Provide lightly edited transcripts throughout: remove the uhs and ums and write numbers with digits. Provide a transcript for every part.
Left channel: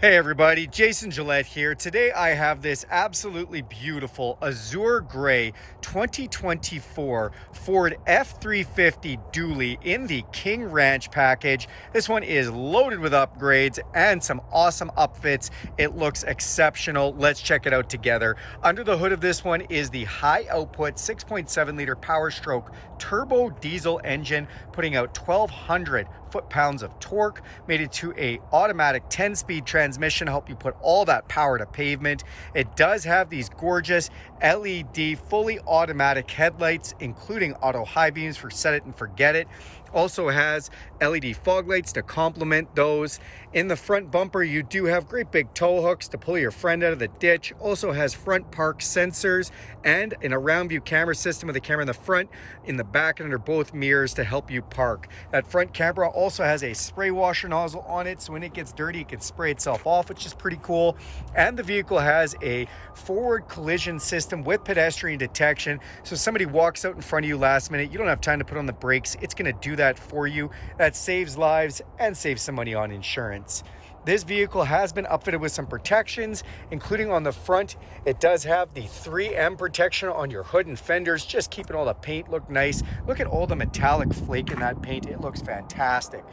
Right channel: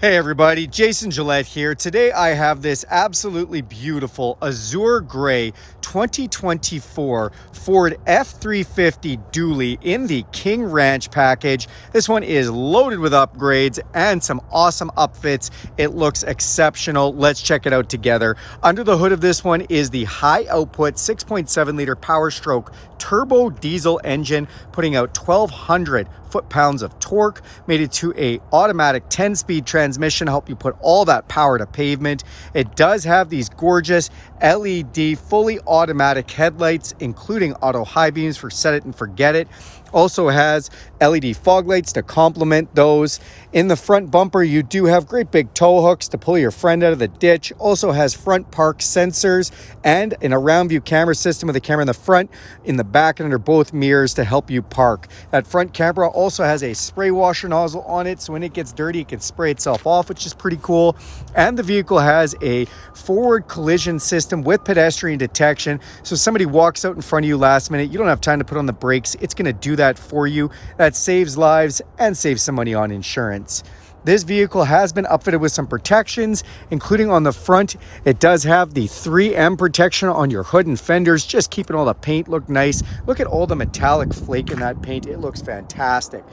Hey everybody, Jason Gillette here. Today I have this absolutely beautiful Azure Gray 2024 Ford F-350 dually in the King Ranch package. This one is loaded with upgrades and some awesome upfits. It looks exceptional. Let's check it out together. Under the hood of this one is the high output 6.7 liter Power Stroke turbo diesel engine, putting out 1,200 foot-pounds of torque, made it to a automatic 10-speed transmission, help you put all that power to pavement. It does have these gorgeous LED fully automatic headlights, including auto high beams for set it and forget it. Also has LED fog lights to complement those. In the front bumper, you do have great big tow hooks to pull your friend out of the ditch. Also has front park sensors and an around view camera system with a camera in the front, in the back, and under both mirrors to help you park. That front camera also has a spray washer nozzle on it, so when it gets dirty, it can spray itself off, which is pretty cool. And the vehicle has a forward collision system with pedestrian detection. So if somebody walks out in front of you last minute, you don't have time to put on the brakes, it's going to do that for you. That saves lives and saves some money on insurance. This vehicle has been upfitted with some protections, including on the front. It does have the 3M protection on your hood and fenders, just keeping all the paint look nice. Look at all the metallic flake in that paint. It looks fantastic.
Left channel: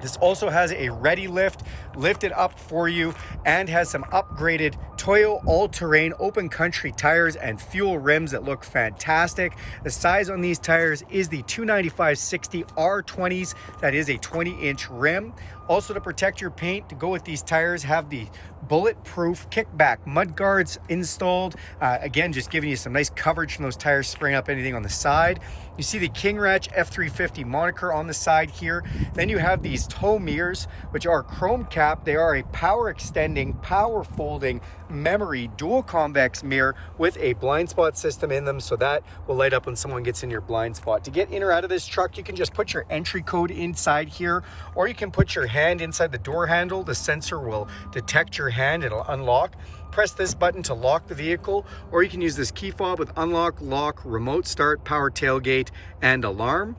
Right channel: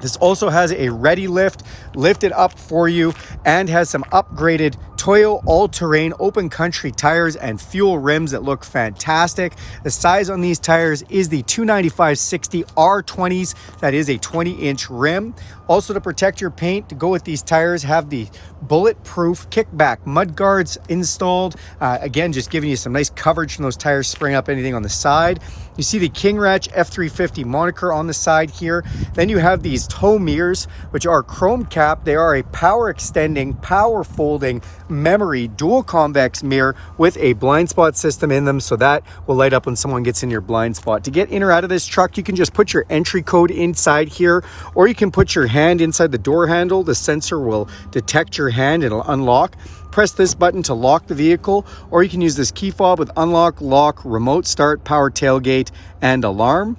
This also has a ready lift, lifted up for you, and has some upgraded Toyo all-terrain open country tires and fuel rims that look fantastic. The size on these tires is the 295/60 R20s. That is a 20-inch rim. Also, to protect your paint, to go with these tires, have the bulletproof kickback mud guards installed. Again, just giving you some nice coverage from those tires spraying up anything on the side. You see the King Ranch F-350 moniker on the side here. Then you have these tow mirrors, which are chrome cap. They are a power extending, power folding, memory dual convex mirror with a blind spot system in them, so that will light up when someone gets in your blind spot. To get in or out of this truck, you can just put your entry code inside here, or you can put your hand inside the door handle. The sensor will detect your hand, it'll unlock. Press this button to lock the vehicle, or you can use this key fob with unlock, lock, remote start, power tailgate, and alarm.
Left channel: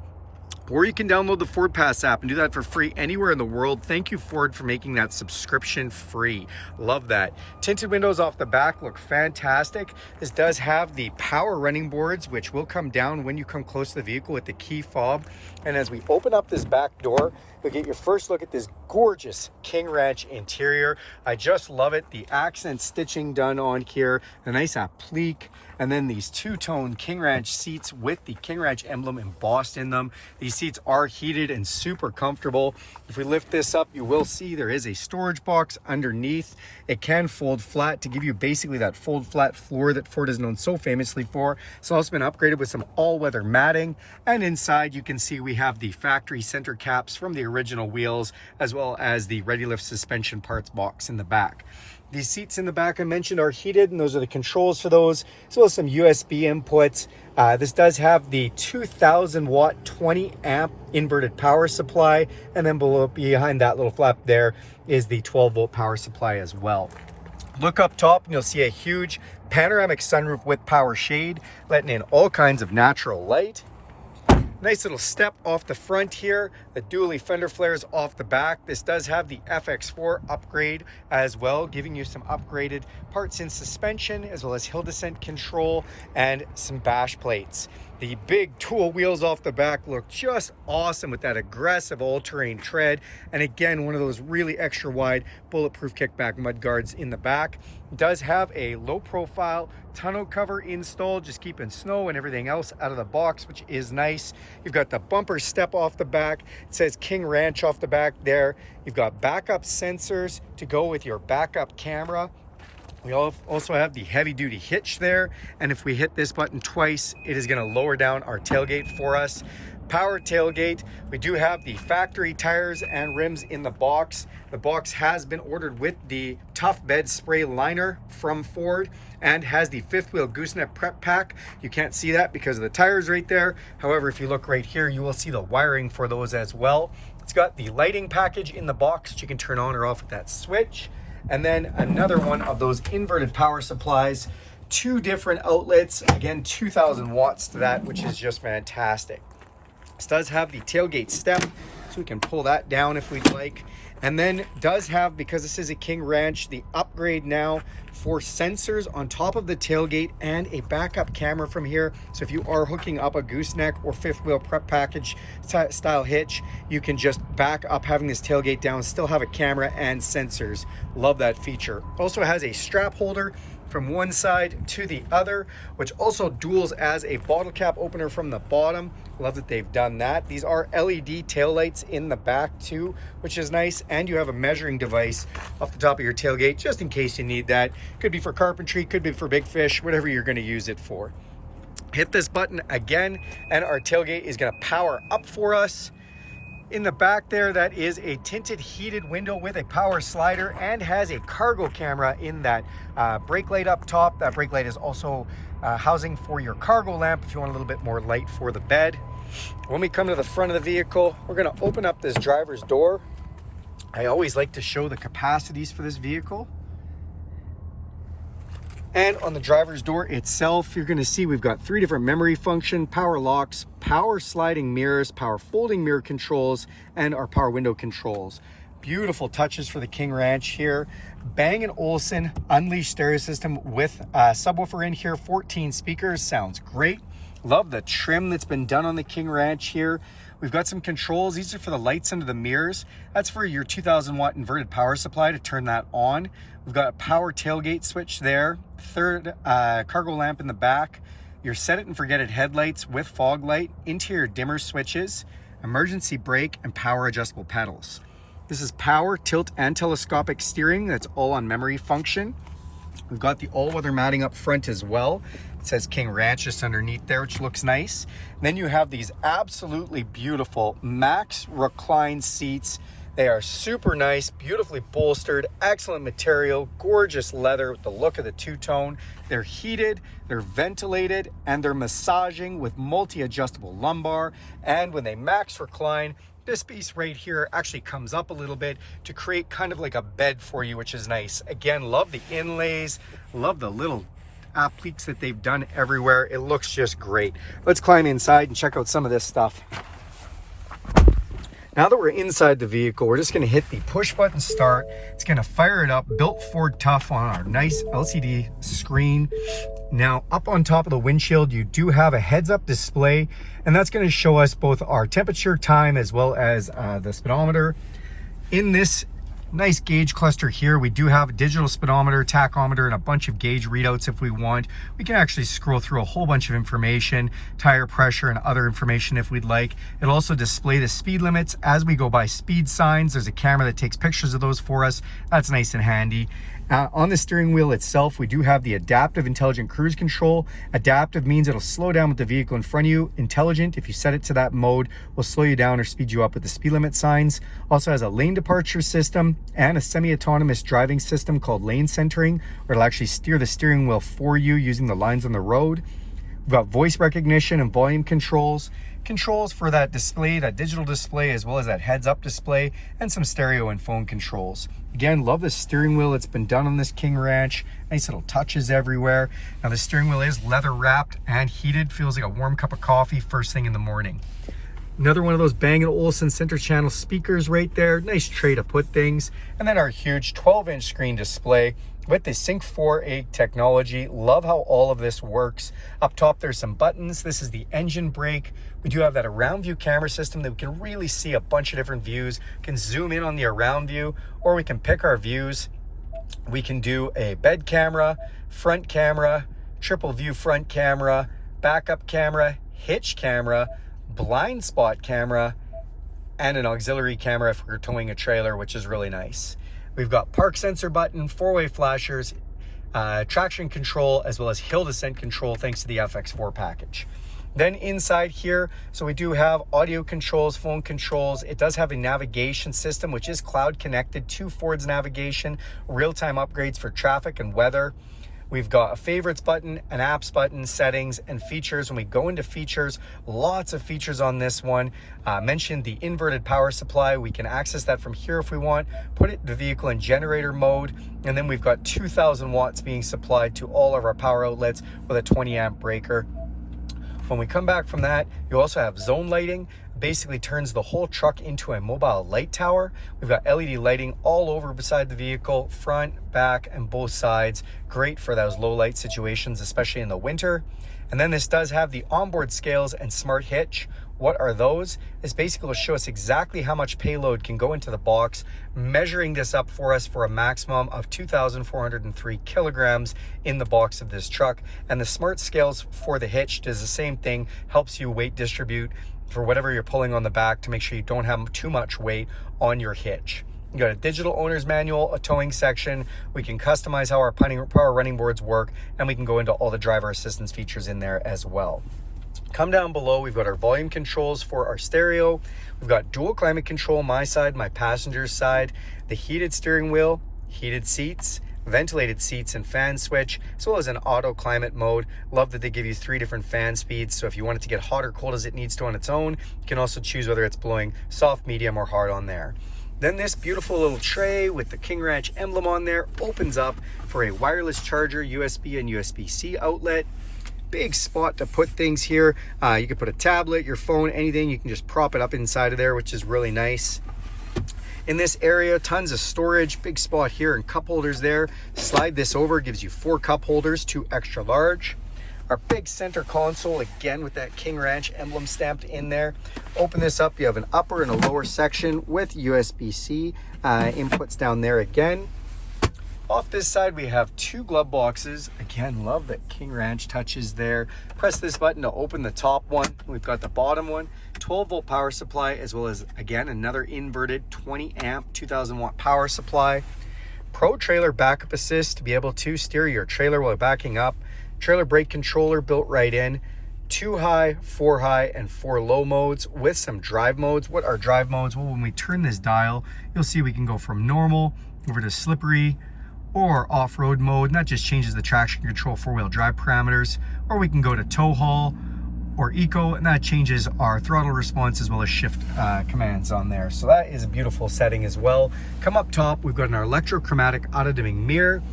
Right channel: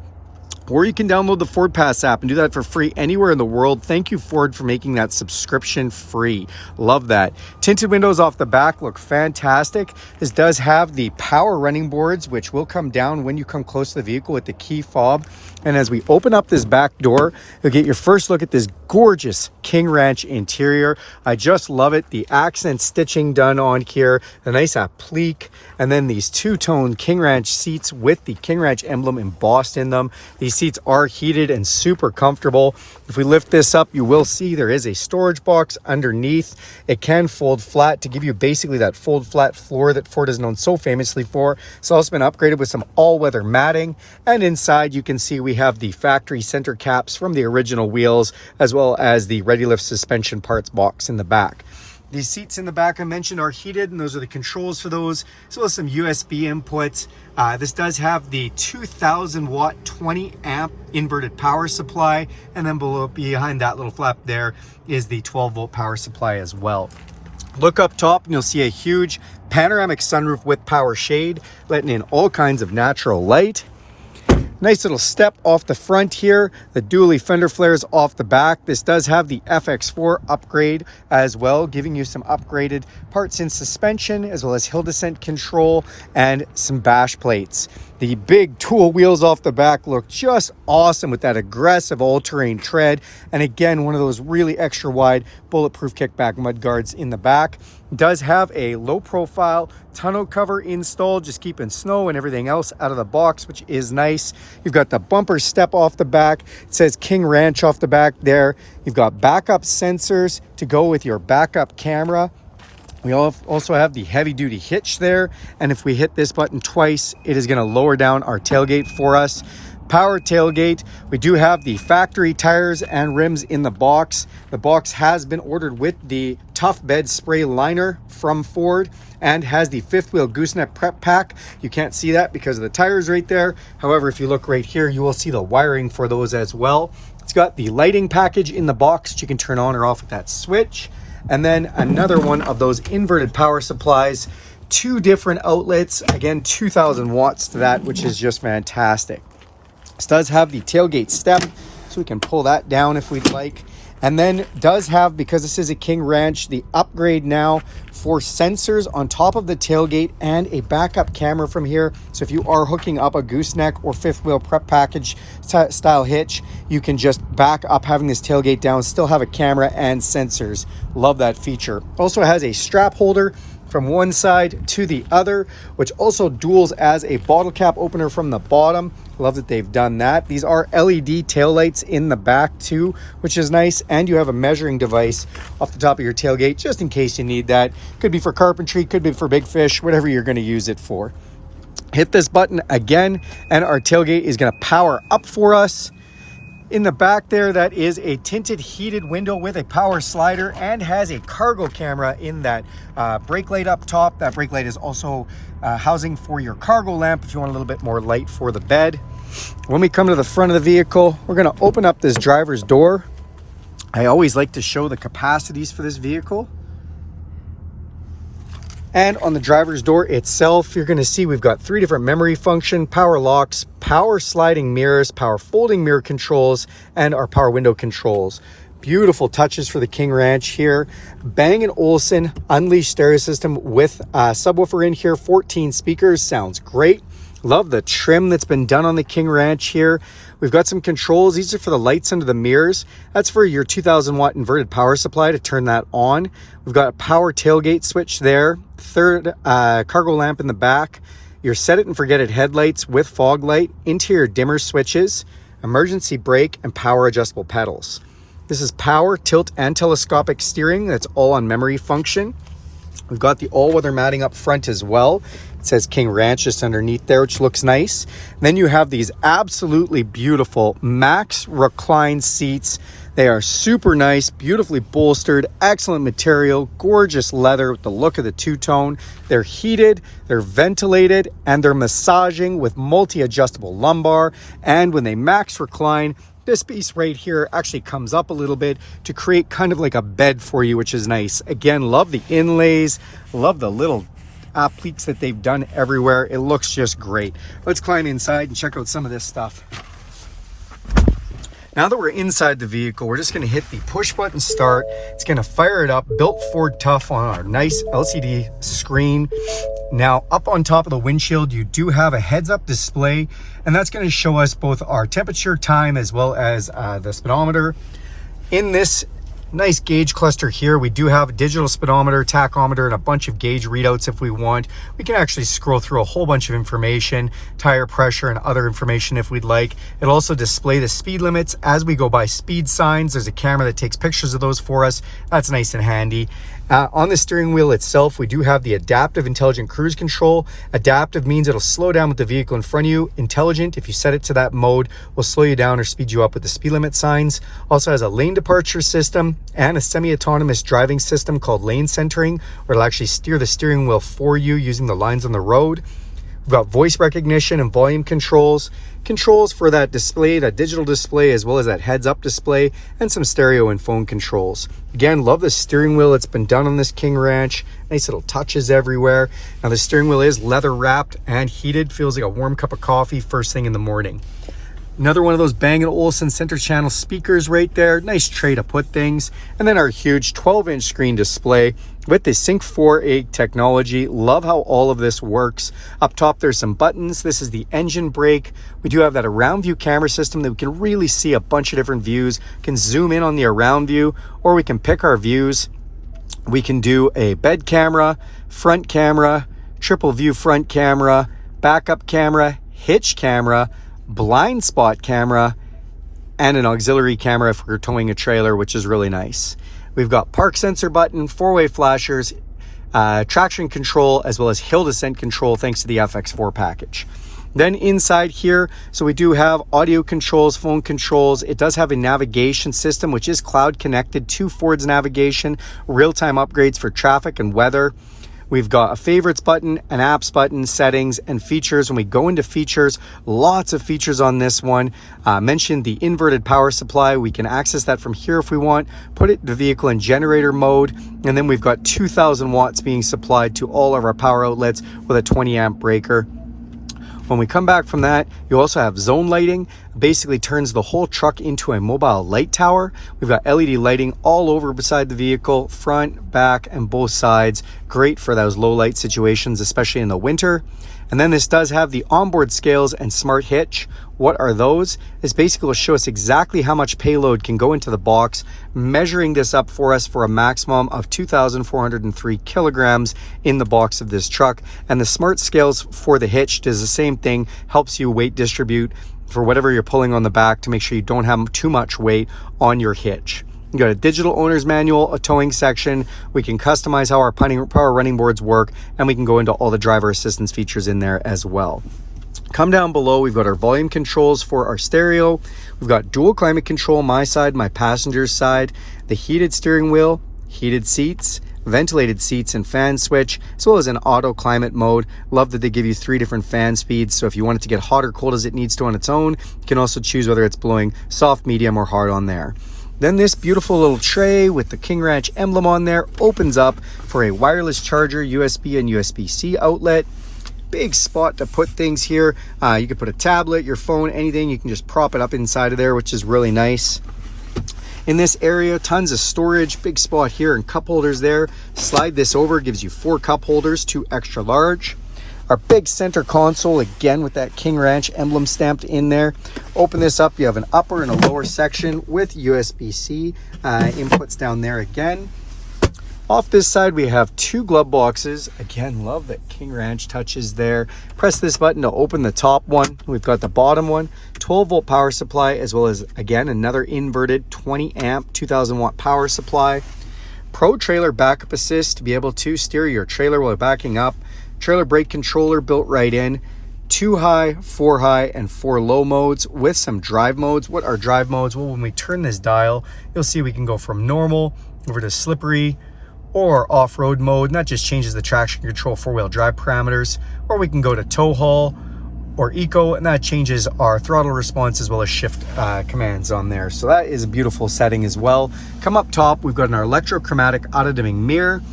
Or you can download the Ford Pass app and do that for free anywhere in the world. Thank you, Ford, for making that subscription free. Love that. Tinted windows off the back look fantastic. This does have the power running boards, which will come down when you come close to the vehicle with the key fob. And as we open up this back door, you'll get your first look at this gorgeous King Ranch interior. I just love it. The accent stitching done on here, the nice applique, and then these two-tone King Ranch seats with the King Ranch emblem embossed in them. These seats are heated and super comfortable. If we lift this up, you will see there is a storage box underneath. It can fold flat to give you basically that fold flat floor that Ford is known so famously for. It's also been upgraded with some all-weather matting. And inside you can see we have the factory center caps from the original wheels, as well as the Ready Lift suspension parts box in the back. These seats in the back I mentioned are heated, and those are the controls for those, as well as some USB inputs. This does have the 2,000 watt 20 amp inverted power supply, and then behind that little flap there is the 12 volt power supply as well. Look up top and you'll see a huge panoramic sunroof with power shade, letting in all kinds of natural light. Nice little step off the front here, the dually fender flares off the back. This does have the FX4 upgrade as well, giving you some upgraded parts in suspension, as well as hill descent control and some bash plates. The big tool wheels off the back look just awesome with that aggressive all-terrain tread. And again, one of those really extra wide bulletproof kickback mud guards in the back. It does have a low profile tonneau cover installed, just keeping snow and everything else out of the box, which is nice. You've got the bumper step off the back. It says King Ranch off the back there. You've got backup sensors to go with your backup camera. We also have the heavy duty hitch there. And if we hit this button twice, it is going to lower down our tailgate for us. Power tailgate. We do have the factory tires and rims in the box. The box has been ordered with the Tough Bed spray liner from Ford and has the fifth wheel gooseneck prep pack. You can't see that because of the tires right there. However, if you look right here, you will see the wiring for those as well. It's got the lighting package in the box that you can turn on or off with that switch. And then another one of those inverted power supplies, 2 different outlets, again 2,000 watts to that, which is just fantastic. This does have the tailgate step, so we can pull that down if we'd like. And then does have, because this is a King Ranch, the upgrade now for sensors on top of the tailgate and a backup camera from here. So if you are hooking up a gooseneck or fifth wheel prep package style hitch, you can just back up having this tailgate down, still have a camera and sensors. Love that feature. Also has a strap holder from one side to the other, which also duals as a bottle cap opener from the bottom. Love that they've done that. These are LED taillights in the back too, which is nice. And you have a measuring device off the top of your tailgate, just in case you need that. Could be for carpentry, could be for big fish, whatever you're going to use it for. Hit this button again, and our tailgate is going to power up for us. In the back there, that is a tinted heated window with a power slider and has a cargo camera in that brake light up top. That brake light is also housing for your cargo lamp if you want a little bit more light for the bed. When we come to the front of the vehicle, we're going to open up this driver's door. I always like to show the capacities for this vehicle. And on the driver's door itself, you're going to see we've got 3 different memory function, power locks, power sliding mirrors, power folding mirror controls, and our power window controls. Beautiful touches for the King Ranch here. Bang & Olufsen Unleashed stereo system with a subwoofer in here, 14 speakers, sounds great. Love the trim that's been done on the King Ranch here. We've got some controls. These are for the lights under the mirrors. That's for your 2000 watt inverted power supply to turn that on. We've got a power tailgate switch there. Third cargo lamp in the back. Your set it and forget it headlights with fog light, interior dimmer switches, emergency brake, and power adjustable pedals. This is power, tilt, and telescopic steering. That's all on memory function. We've got the all-weather matting up front as well. It says King Ranch just underneath there, which looks nice. And then you have these absolutely beautiful Max recline seats. They are super nice, beautifully bolstered, excellent material, gorgeous leather with the look of the two-tone. They're heated, they're ventilated, and they're massaging with multi-adjustable lumbar. And when they Max recline, this piece right here actually comes up a little bit to create kind of like a bed for you, which is nice. Again, love the inlays, love the little appliques that they've done everywhere. It looks just great. Let's climb inside and check out some of this stuff. Now that we're inside the vehicle, we're just going to hit the push button start. It's going to fire it up, built Ford Tough on our nice LCD screen. Now up on top of the windshield, you do have a heads up display, and that's going to show us both our temperature, time, as well as the speedometer. In this nice gauge cluster here, we do have a digital speedometer, tachometer, and a bunch of gauge readouts if we want. We can actually scroll through a whole bunch of information, tire pressure, and other information if we'd like. It'll also display the speed limits as we go by speed signs. There's a camera that takes pictures of those for us. That's nice and handy. On the steering wheel itself, we do have the adaptive intelligent cruise control. Adaptive means it'll slow down with the vehicle in front of you. Intelligent, if you set it to that mode, will slow you down or speed you up with the speed limit signs. Also has a lane departure system and a semi-autonomous driving system called lane centering, where it'll actually steer the steering wheel for you using the lines on the road. We've got voice recognition and volume controls. Controls for that display, that digital display, as well as that heads-up display, and some stereo and phone controls. Again, love the steering wheel. It's been done on this King Ranch. Nice little touches everywhere. Now the steering wheel is leather wrapped and heated. Feels like a warm cup of coffee first thing in the morning. Another one of those Bang & Olufsen center channel speakers right there. Nice tray to put things. And then our huge 12-inch screen display with the Sync 4A technology. Love how all of this works. Up top, there's some buttons. This is the engine brake. We do have that around view camera system that we can really see a bunch of different views. We can zoom in on the around view, or we can pick our views. We can do a bed camera, front camera, triple view front camera, backup camera, hitch camera, blind spot camera, and an auxiliary camera if we're towing a trailer, which is really nice. We've got park sensor button, four-way flashers, traction control, as well as hill descent control thanks to the FX4 package. Then inside here, so we do have audio controls, phone controls. It does have a navigation system, which is cloud connected to Ford's navigation, real-time upgrades for traffic and weather. We've got a favorites button, an apps button, settings, and features. When we go into features, lots of features on this one. Mentioned the inverted power supply. We can access that from here if we want. Put the vehicle in generator mode. And then we've got 2,000 watts being supplied to all of our power outlets with a 20 amp breaker. When we come back from that, you also have zone lighting. Basically turns the whole truck into a mobile light tower. We've got LED lighting all over beside the vehicle, front, back, and both sides. Great for those low light situations, especially in the winter. And then this does have the onboard scales and smart hitch. What are those? This basically will show us exactly how much payload can go into the box, measuring this up for us for a maximum of 2,403 kilograms in the box of this truck. And the smart scales for the hitch does the same thing, helps you weight distribute for whatever you're pulling on the back to make sure you don't have too much weight on your hitch. You got a digital owner's manual, a towing section. We can customize how our power running boards work, and we can go into all the driver assistance features in there as well. Come down below, we've got our volume controls for our stereo. We've got dual climate control, my side, my passenger's side, the heated steering wheel, heated seats, ventilated seats and fan switch, as well as an auto climate mode. Love that they give you 3 different fan speeds, so if you want it to get hot or cold as it needs to on its own, you can also choose whether it's blowing soft, medium, or hard on there. Then this beautiful little tray with the King Ranch emblem on there opens up for a wireless charger, USB and USB-C outlet. Big spot to put things here. You can put a tablet, your phone, anything. You can just prop it up inside of there, which is really nice. In this area, tons of storage. Big spot here and cup holders there. Slide this over, gives you 4 cup holders, 2 extra large. Our big center console, again with that King Ranch emblem stamped in there. Open this up, you have an upper and a lower section with USB-C inputs down there again. Off this side, we have 2 glove boxes. Again, love that King Ranch touches there. Press this button to open the top one. We've got the bottom one, 12-volt power supply, as well as, again, another inverted 20-amp, 2,000-watt power supply. Pro Trailer Backup Assist to be able to steer your trailer while backing up. Trailer brake controller built right in. 2 high, 4 high, and 4 low modes with some drive modes. What are drive modes? Well, when we turn this dial, you'll see we can go from normal over to slippery or off-road mode, and that just changes the traction control 4-wheel drive parameters. Or we can go to tow haul or eco, and that changes our throttle response as well as shift commands on there. So that is a beautiful setting as well. Come up top, we've got an electrochromatic auto-dimming mirror,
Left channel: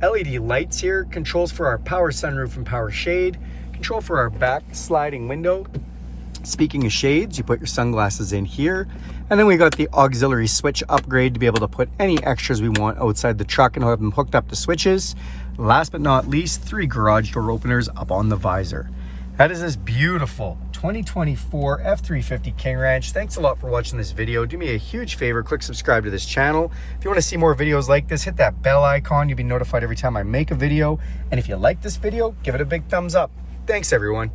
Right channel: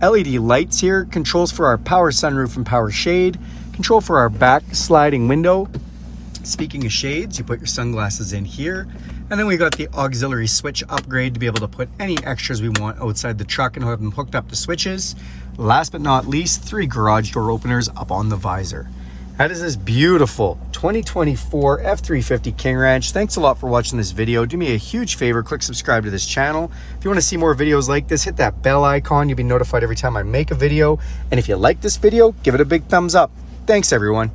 LED lights here, controls for our power sunroof and power shade, control for our back sliding window. Speaking of shades, you put your sunglasses in here. And then we got the auxiliary switch upgrade to be able to put any extras we want outside the truck and have them hooked up to switches. Last but not least, 3 garage door openers up on the visor. That is this beautiful 2024 F350 King Ranch. Thanks a lot for watching this video. Do me a huge favor, click subscribe to this channel. If you want to see more videos like this, hit that bell icon. You'll be notified every time I make a video. And if you like this video, give it a big thumbs up. Thanks, everyone.